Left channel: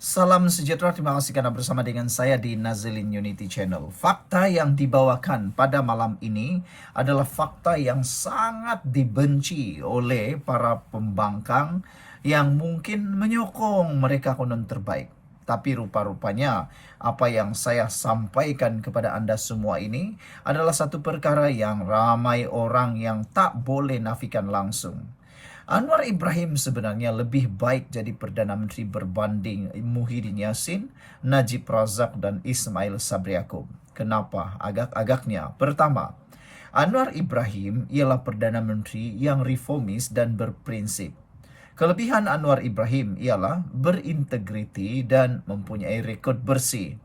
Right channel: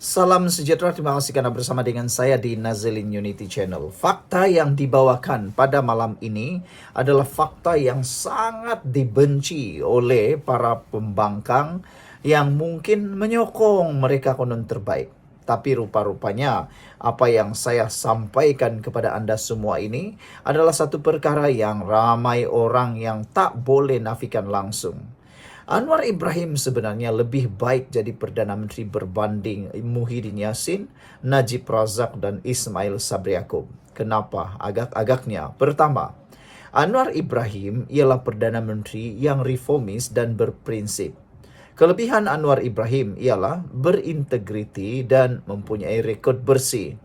Salam sejahtera, terima kasih karena bersama dengan saya di Nazilin Unity Channel. Fakta yang dibawakan pada malam ini adalah fakta yang sangat dibenci oleh para pembangkang yang mungkin menyokong mereka konon terbaik. Tapi rupa-rupanya apa yang saya sampaikan kepada Anda semua ini adalah satu perkara yang ramai orang yang tak boleh nafikan langsung. Anwar Ibrahim sebenarnya lebih baik jadi Perdana Menteri berbanding Muhyiddin Yassin, Najib Razak, dan Ismail Sabri Yaakob. Kenapa? Agak-agaknya. Pertama, Anwar Ibrahim ialah Perdana Menteri yang reformis dan berprinsip. Kelebihan Anwar Ibrahim ialah berintegriti dan mempunyai rekod bersih.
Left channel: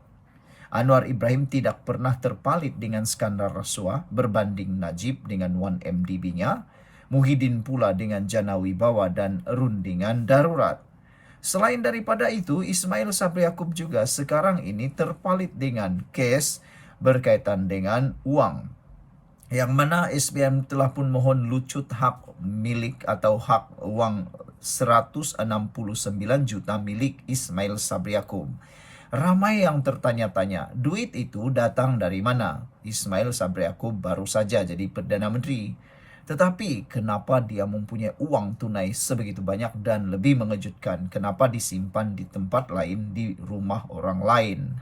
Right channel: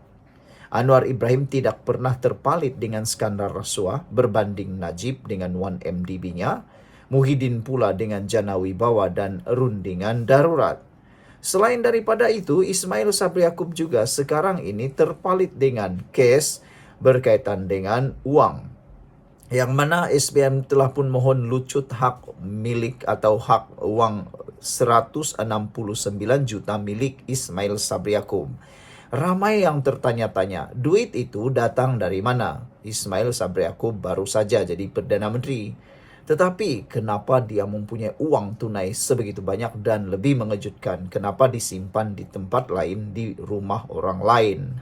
Anwar Ibrahim tidak pernah terpalit dengan skandal rasuah berbanding Najib dengan 1MDB-nya, Muhyiddin pula dengan Jana Wibawa dan rundingan darurat. Selain daripada itu, Ismail Sabri Yaakob juga sekarang ini terpalit dengan kes berkaitan dengan uang. Yang mana SPM telah pun mohon lucut hak milik atau hak uang 169 juta milik Ismail Sabri Yaakob. Ramai yang tertanya-tanya, duit itu datang dari mana? Ismail Sabri Yaakob baru saja jadi Perdana Menteri. Tetapi kenapa dia mempunyai uang tunai sebegitu banyak dan lebih mengejutkan, kenapa disimpan di tempat lain di rumah orang lain?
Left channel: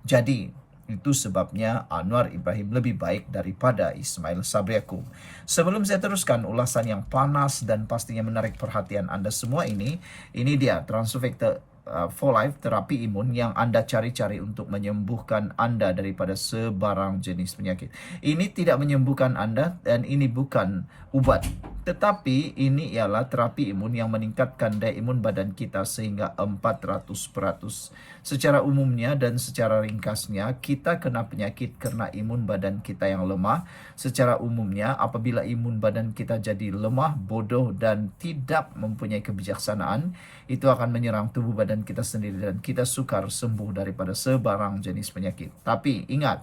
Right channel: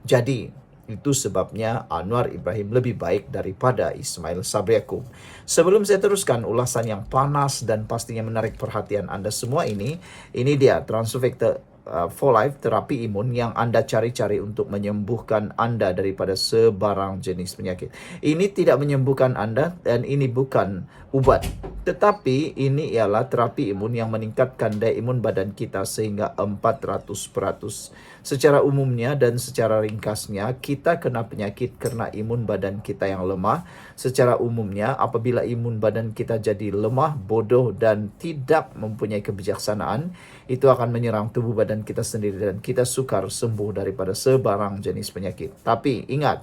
Jadi itu sebabnya Anwar Ibrahim lebih baik daripada Ismail Sabri Yaakob. Sebelum saya teruskan ulasan yang panas dan pastinya menarik perhatian Anda semua ini dia Transufactor for Life terapi imun yang Anda cari-cari untuk menyembuhkan Anda daripada sebarang jenis penyakit. Ini tidak menyembuhkan Anda dan ini bukan ubat. Tetapi ini ialah terapi imun yang meningkatkan daya imun badan kita sehingga 400%. Secara umumnya dan secara ringkasnya, kita kena penyakit karena imun badan kita yang lemah. Secara umumnya, apabila imun badan kita jadi lemah, bodoh, dan tidak mempunyai kebijaksanaan, itu akan menyerang tubuh badan kita sendiri dan kita sukar sembuh daripada sebarang jenis penyakit. Tapi ingat,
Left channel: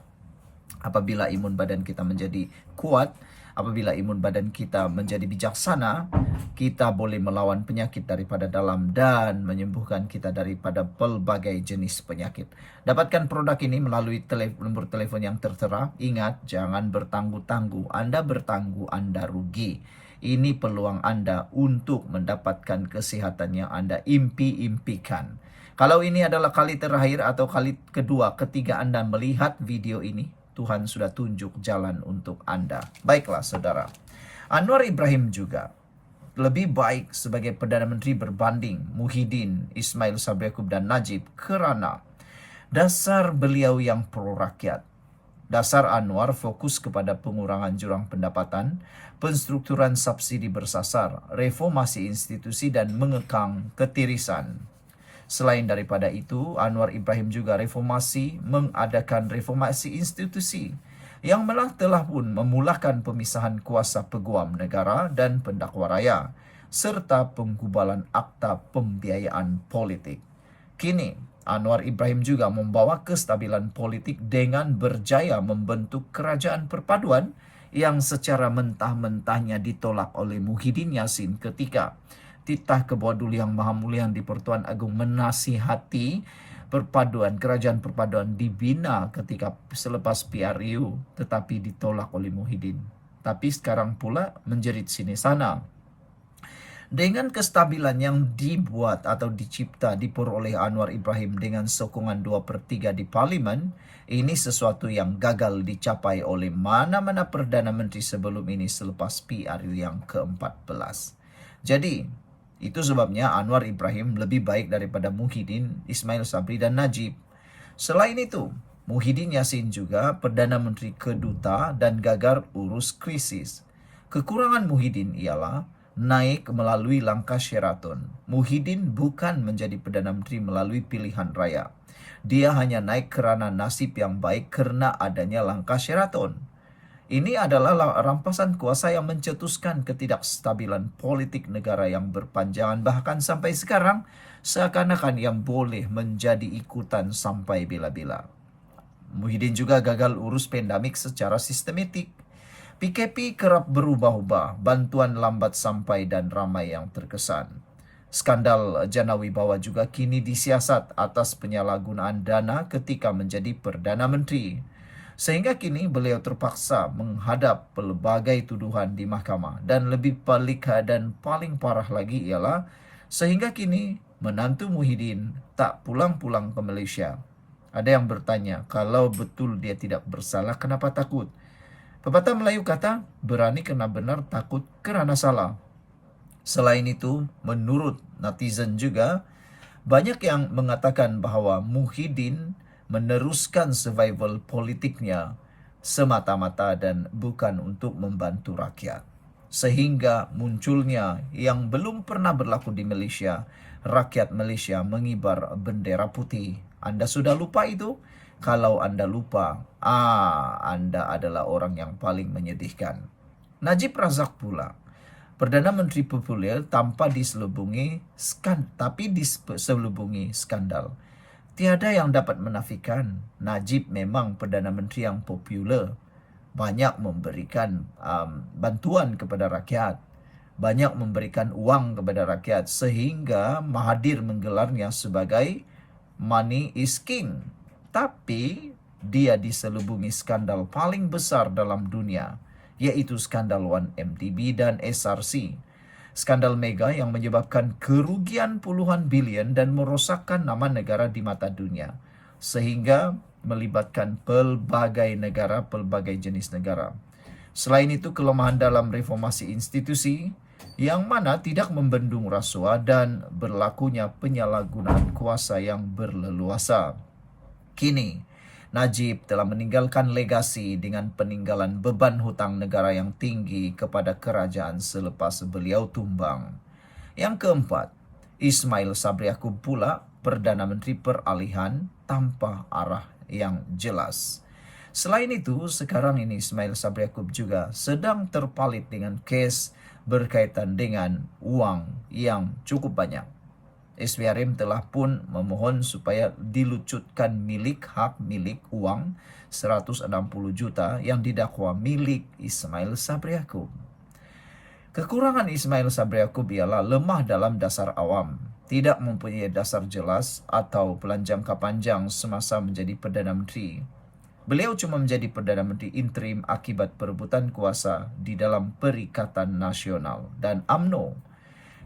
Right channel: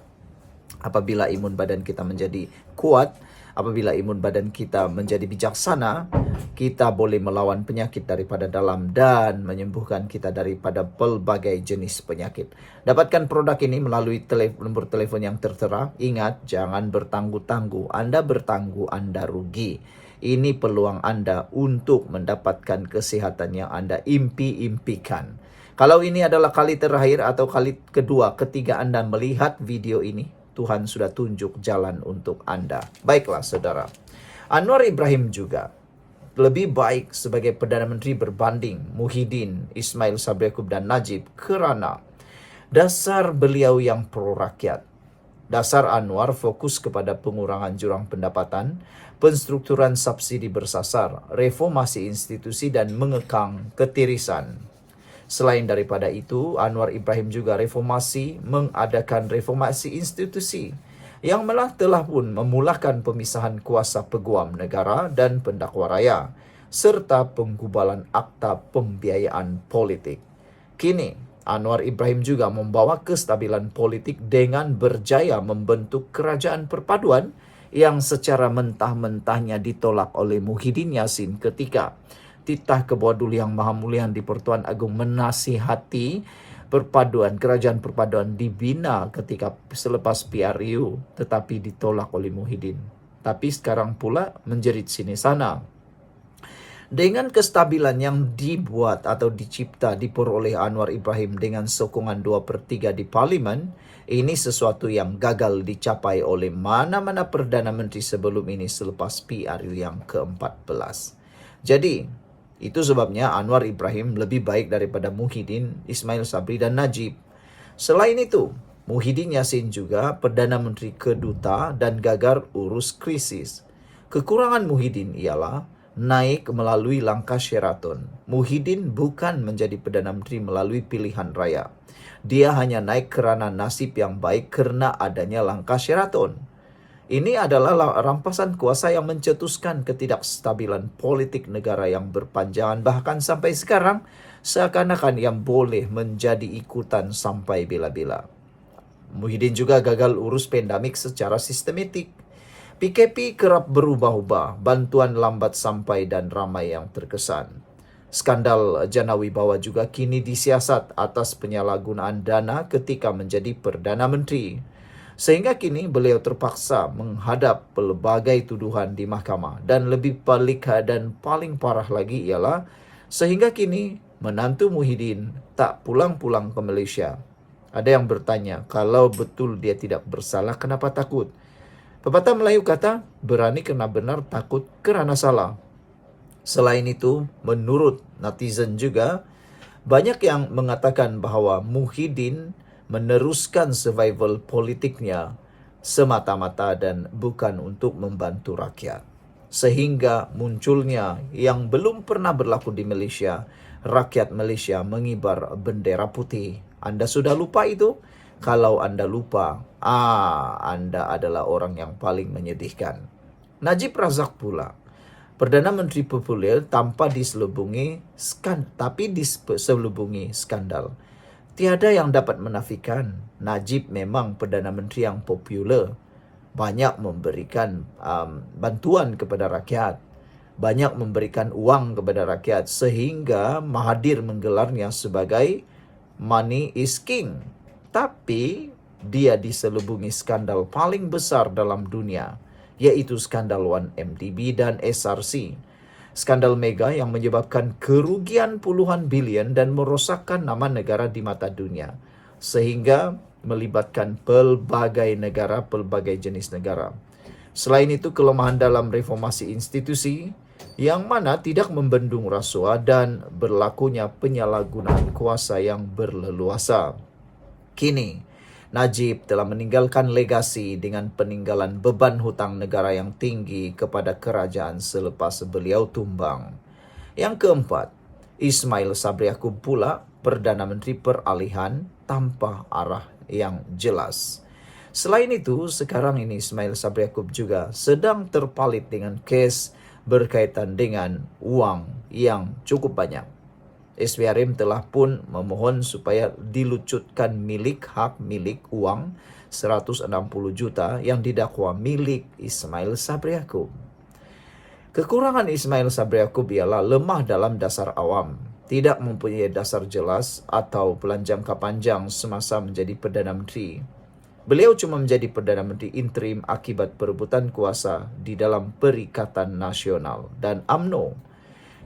apabila imun badan kita menjadi kuat, apabila imun badan kita menjadi bijaksana, kita boleh melawan penyakit daripada dalam dan menyembuhkan kita daripada pelbagai jenis penyakit. Dapatkan produk ini melalui nombor telepon yang tertera. Ingat, jangan bertangguh-tangguh. Anda bertangguh, Anda rugi. Ini peluang Anda untuk mendapatkan kesehatan yang Anda impi-impikan. Kalau ini adalah kali terakhir atau kali kedua, ketiga Anda melihat video ini, Tuhan sudah tunjuk jalan untuk Anda. Baiklah saudara, Anwar Ibrahim juga lebih baik sebagai Perdana Menteri berbanding Muhyiddin, Ismail Sabri Yaakob, dan Najib kerana dasar beliau yang pro rakyat. Dasar Anwar fokus kepada pengurangan jurang pendapatan, penstrukturan subsidi bersasar, reformasi institusi, dan mengekang ketirisan. Selain daripada itu, Anwar Ibrahim juga mengadakan reformasi institusi yang telah pun memulakan pemisahan kuasa peguam negara dan pendakwa raya, serta penggubalan akta pembiayaan politik. Kini, Anwar Ibrahim juga membawa kestabilan politik dengan berjaya membentuk kerajaan perpaduan yang secara mentah-mentahnya ditolak oleh Muhyiddin Yassin ketika titah ke bawah dulu yang maha mulia di Pertuan Agung menasihati kerajaan perpaduan dibina ketika selepas PRU, tetapi ditolak oleh Muhyiddin. Tapi sekarang pula menjerit sini sana. Dengan kestabilan yang dibuat atau dicipta diperoleh Anwar Ibrahim dengan sokongan 2/3 di parlimen, ini sesuatu yang gagal dicapai oleh mana-mana Perdana Menteri sebelum ini selepas PRU yang ke-14. Jadi, itu sebabnya Anwar Ibrahim lebih baik daripada Muhyiddin, Ismail Sabri, dan Najib. Selain itu, Muhyiddin Yassin juga Perdana Menteri keduta dan gagal urus krisis. Kekurangan Muhyiddin ialah naik melalui langkah Sheraton. Muhyiddin bukan menjadi Perdana Menteri melalui pilihan raya. Dia hanya naik kerana nasib yang baik karena adanya langkah Sheraton. Ini adalah rampasan kuasa yang mencetuskan ketidakstabilan politik negara yang berpanjangan, bahkan sampai sekarang seakan-akan yang boleh menjadi ikutan sampai bila-bila. Muhyiddin juga gagal urus pandemik secara sistematik. PKP kerap berubah-ubah, bantuan lambat sampai dan ramai yang terkesan. Skandal Jana Wibawa juga kini disiasat atas penyalahgunaan dana ketika menjadi Perdana Menteri. Sehingga kini beliau terpaksa menghadap pelbagai tuduhan di mahkamah. Dan lebih pelik dan paling parah lagi ialah sehingga kini menantu Muhyiddin tak pulang-pulang ke Malaysia. Ada yang bertanya, kalau betul dia tidak bersalah, kenapa takut? Pepatah Melayu kata, berani kena benar, takut kerana salah. Selain itu, menurut netizen juga, banyak yang mengatakan bahawa Muhyiddin meneruskan survival politiknya semata-mata dan bukan untuk membantu rakyat. Sehingga munculnya yang belum pernah berlaku di Malaysia, rakyat Malaysia mengibar bendera putih. Anda sudah lupa itu? Kalau Anda lupa, Anda adalah orang yang paling menyedihkan. Najib Razak pula, Perdana Menteri populer tanpa diselubungi skandal. Tiada yang dapat menafikan Najib memang Perdana Menteri yang popular. Banyak memberikan bantuan kepada rakyat. Banyak memberikan uang kepada rakyat. Sehingga Mahathir menggelarnya sebagai money is king. Tapi dia diselubungi skandal paling besar dalam dunia, yaitu skandal 1MDB dan SRC. Skandal mega yang menyebabkan kerugian puluhan bilion dan merosakkan nama negara di mata dunia. Sehingga melibatkan pelbagai negara, pelbagai jenis negara. Selain itu, kelemahan dalam reformasi institusi yang mana tidak membendung rasuah dan berlakunya penyalahgunaan kuasa yang berleluasa. Kini, Najib telah meninggalkan legasi dengan peninggalan beban hutang negara yang tinggi kepada kerajaan selepas beliau tumbang. Yang keempat, Ismail Sabri Yaakob pula Perdana Menteri Peralihan tanpa arah yang jelas. Selain itu, sekarang ini Ismail Sabri Yaakob juga sedang terpalit dengan kes berkaitan dengan uang yang cukup banyak. SPRM telah pun memohon supaya dilucutkan hak milik uang 160 juta yang didakwa milik Ismail Sabri Yaakob. Kekurangan Ismail Sabri Yaakob ialah lemah dalam dasar awam, tidak mempunyai dasar jelas atau pelan jangka panjang semasa menjadi Perdana Menteri. Beliau cuma menjadi Perdana Menteri interim akibat perebutan kuasa di dalam Perikatan Nasional dan UMNO.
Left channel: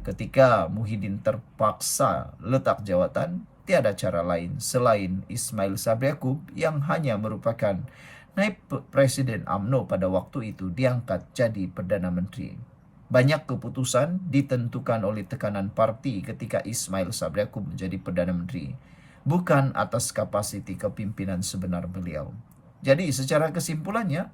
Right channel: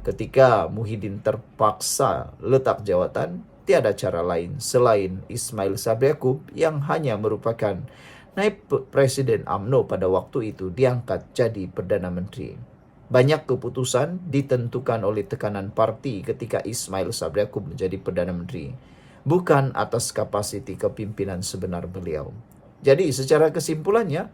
Ketika Muhyiddin terpaksa letak jawatan, tiada cara lain selain Ismail Sabri Yaakob yang hanya merupakan naib Presiden UMNO pada waktu itu diangkat jadi Perdana Menteri. Banyak keputusan ditentukan oleh tekanan parti ketika Ismail Sabri Yaakob menjadi Perdana Menteri, bukan atas kapasiti kepimpinan sebenar beliau. Jadi secara kesimpulannya,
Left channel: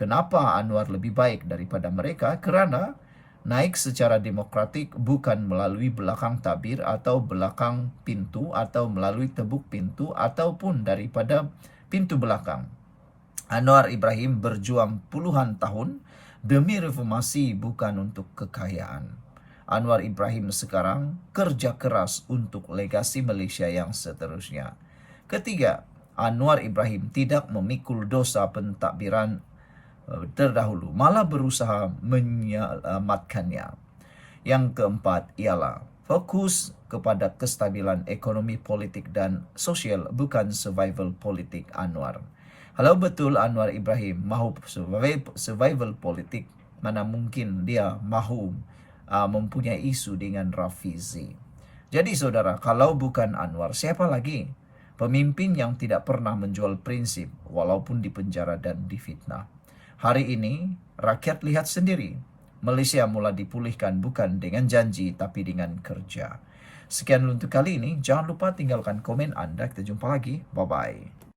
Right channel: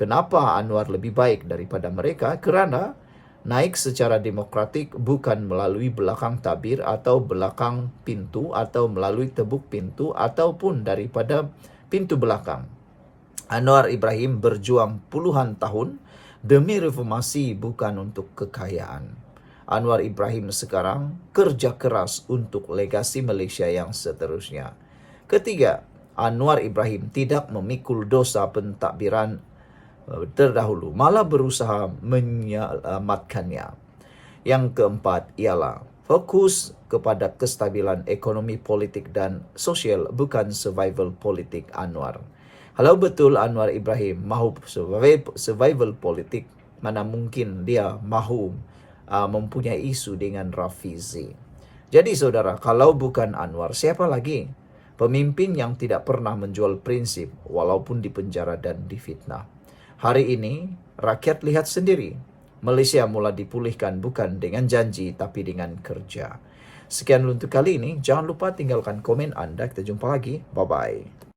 kenapa Anwar lebih baik daripada mereka? Kerana naik secara demokratik bukan melalui belakang tabir atau belakang pintu atau melalui tebuk pintu ataupun daripada pintu belakang. Anwar Ibrahim berjuang puluhan tahun demi reformasi bukan untuk kekayaan. Anwar Ibrahim sekarang kerja keras untuk legasi Malaysia yang seterusnya. Ketiga, Anwar Ibrahim tidak memikul dosa pentadbiran terdahulu, malah berusaha menyelamatkannya. Yang keempat ialah fokus kepada kestabilan ekonomi, politik dan sosial, bukan survival politik Anwar. Kalau betul Anwar Ibrahim mahu survival politik, mana mungkin dia mahu mempunyai isu dengan Rafizi. Jadi saudara, kalau bukan Anwar, siapa lagi? Pemimpin yang tidak pernah menjual prinsip walaupun dipenjara dan difitnah. Hari ini, rakyat lihat sendiri. Malaysia mula dipulihkan bukan dengan janji, tapi dengan kerja. Sekian untuk kali ini. Jangan lupa tinggalkan komen anda. Kita jumpa lagi. Bye-bye.